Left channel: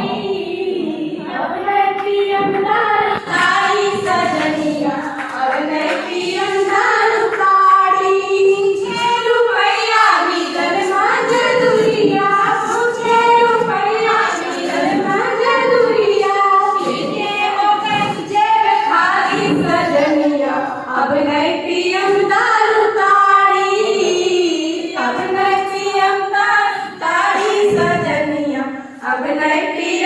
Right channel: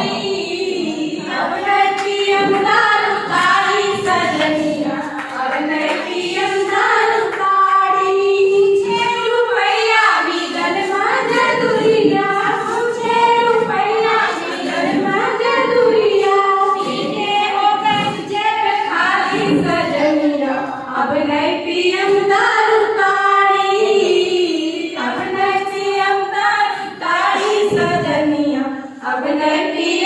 अब नहीं पियम दारू ताड़ी सजनिया, अब नहीं पियम दारू ताड़ी। 6 रुपया मिलल मजदूरिया, 6 रुपया मिलल मजदूरिया। पीके हो गई जेब खाली सजनिया, अब नहीं पियम दारू ताड़ी, अब नहीं पियम दारू ताड़ी सजनिया, अब नहीं पियम